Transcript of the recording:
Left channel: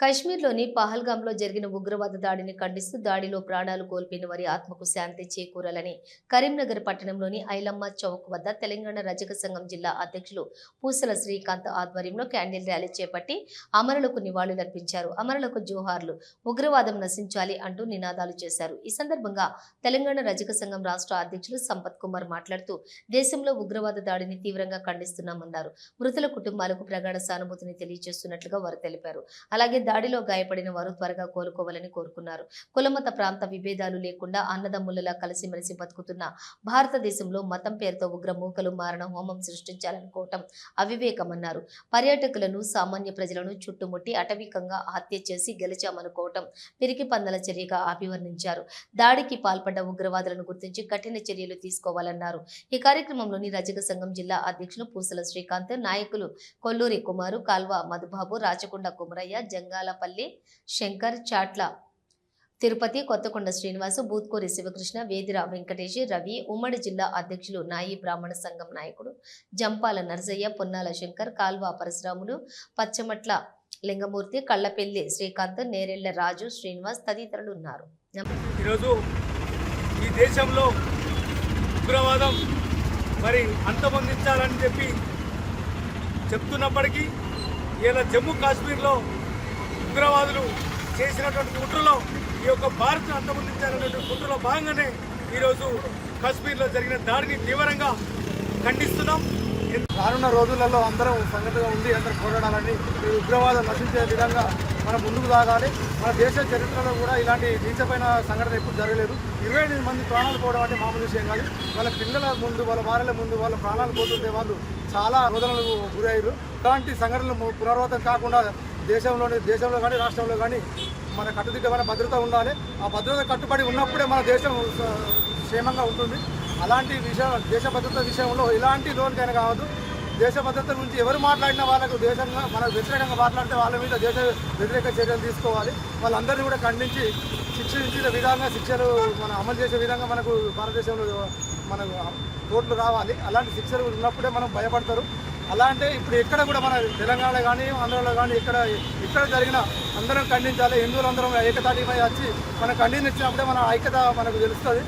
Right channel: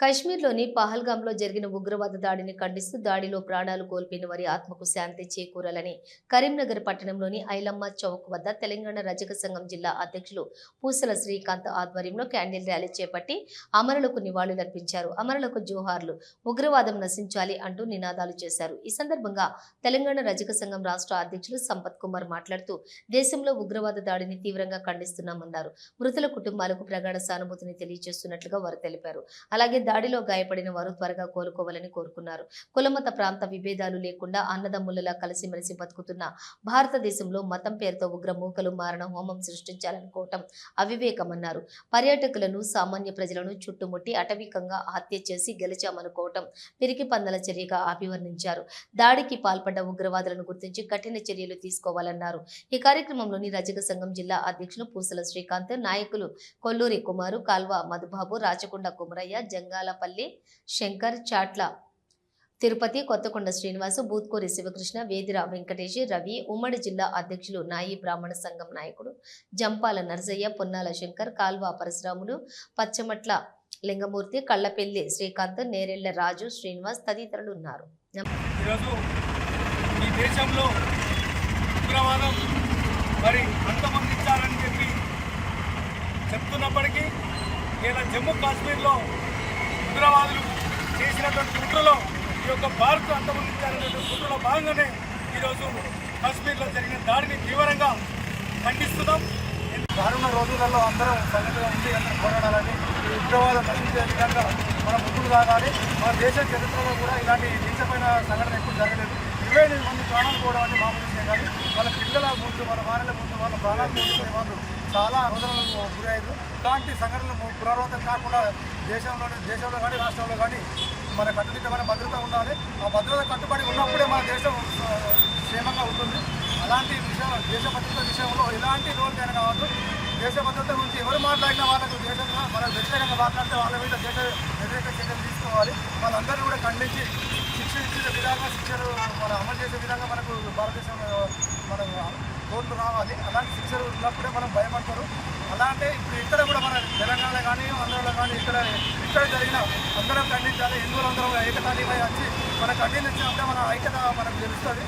కశ్మీర్లోని పహల్గాంలో జరిగిన ఉగ్రవాద దాడిని ఖండిస్తూ దాడిలో ప్రాణాలు కోల్పోయిన వారి ఆత్మకు శాంతి చేకూరాలని కరీంనగర్ పట్టణంలోని ఐలమ్మ చౌక్ వద్ద తెలంగాణ రజక సంఘం జిల్లా అధ్యక్షులు పూసల శ్రీకాంత్ ఆధ్వర్యంలో క్యాండిల్ ర్యాలీ చేపట్టి అమరులకు నివాళులర్పించారు. అమరులకు జోహార్లు, ఉగ్రవాదం నశించాలి అంటూ నినాదాలు చేశారు. ఈ సందర్భంగా తెలంగాణ రజక సంఘం రాష్ట్ర అధ్యక్షులు సంపత్ కుమార్ మాట్లాడుతూ దేశంలో ఉగ్రవాద దాడిని తీవ్రంగా ఖండిస్తున్నామన్నారు. మృతుల కుటుంబాలకు ప్రగాఢ సానుభూతిని తెలియజేస్తున్నట్లుగా వారు తెలిపారు. అలాగే దాడిలో గాయపడిన వారు త్వరగా కోలుకోవాలని కోరుకున్నారు. కులమత ప్రాంత విభేదాలు లేకుండా అన్నదమ్ములలా కలిసిమెలిసి బతుకుతున్న భారతదేశంలో మతం పేరుతో ఉగ్ర మూకలు మారణ హోమం సృష్టించాలనుకోవటం అవివేకమన్నారు. పర్యాటకులను, సామాన్య ప్రజలను చుట్టుముట్టి అటవికంగా హత్య చేసి గెలిచామనుకోవటం పిరికి పందల చర్యగా అభివర్ణించారు. దాడికి పాల్పడ్డ ఉగ్రవాదులను గుర్తించి కఠిన చర్యలు తీసుకోవాలన్నారు. ఈ కార్యక్రమంలోని రజక సంఘం జిల్లా అధ్యక్షులు పూసల శ్రీకాంత్, నాయకులు కొల్లూరి కుమారు, కాల్వ మధుబాబు, రాచకొండ కుమరయ్య, జంగాలపల్లి శంకర్, చాట్ల తిరుపతి, కొత్తకొండ శ్రీనివాసు, బూత్కూరి శివకృష్ణ, వేదిర వెంకటేష్, రవి, ఉమ్మడి జిల్లా అధ్యక్షులు నాయి బ్రాహ్మణ సంఘం నాయకుడు జంపాల నరసయ్య, పొన్నాల శంకర్, కాల్వ పరశురాములు, పచ్చమట్ల లింగమూర్తి, కళ్లపెల్లి శ్రీకాంత్, నేరెళ్ల రాజు, శ్రీనివాస్ తదితరులు ఉన్నారు. ఈరోజు ఈ దేశంలో ఉగ్రవాదం మరి అంతమొందించాలని చెప్పి చెప్తున్నప్పటికీ ఇలా జమ్మూ కాశ్మీర్లో ఉగ్రవాదులు చేసినటువంటి కుట్రలో ఈ యొక్క భారత్ అంతమొందించాలనేటువంటి కుట్రలో భాగంగానే ఈరోజు కాశ్మీర్లో జరిగిన దాడిని తీవ్రంగా ఖండిస్తున్నాం. రానున్న రోజులలో అందరం సంగతిగా ఉండి అందరం పోరాడాలని, ఈ ఉగ్రవాదం నశించే విధంగా మనం ముందుకు సాగాలి. మన దేశ చరిత్రలో కూడా ఇలాంటి నీచమైన సంఘటన ఎప్పుడు జరగలేదు. 28 మంది ప్రాణాలు పోవడం అంటే మామూలు విషయం కాదు. వాళ్ళ పిల్లల ముందు, వాళ్ళ భార్యల ముందు వాళ్ళ ప్రాణాలు పోతుంటే వాళ్ళు చాలా రోదనలకు గురయ్యారు. ఇలాంటి సంఘటనలు పునరావృతం కాకుండా దేశంలో కానీ రాష్ట్రంలో కానీ మన కట్టుదిట్టమైన భద్రత ఉండాలి. ఆ భద్రత కట్టుబడి ఉన్నప్పుడే మన దేశం క్షేమంగా ఉంటుంది. అలాంటి దేశ భద్రత విషయంలో ఎలాంటి లోన్కైనా కావద్దు. దేశ భద్రత గురించి ఎవరు మాట్లాడినా వాళ్ళకు దేశంలో మనకు వ్యతిరేకంగా మాట్లాడితే వాళ్ళ మీద దేశ వ్యతిరేక చర్యలు తీసుకోవాలి. వాళ్ళందరినీ కూడా ఖండించి శిక్షించే విధంగా శిక్షలు మనం అమలు చేసే విధంగా మనకు భారతదేశంలో మన కోర్టులు రావాలి. అలాంటి శిక్షలు ఉన్నప్పుడే మనం భయపడతారు. అలా అంటే ఇప్పుడు ఎక్కడ కూడా మన తెలంగాణ కానీ ఆంధ్రలో కానీ ఎక్కడ జరిగినా అందరం ఖండించాలి. హిందువులందరం ఏకతాటిపై వచ్చి మన ఖండించినప్పుడే మన ఐక్యత మనకు తెలుస్తుంది.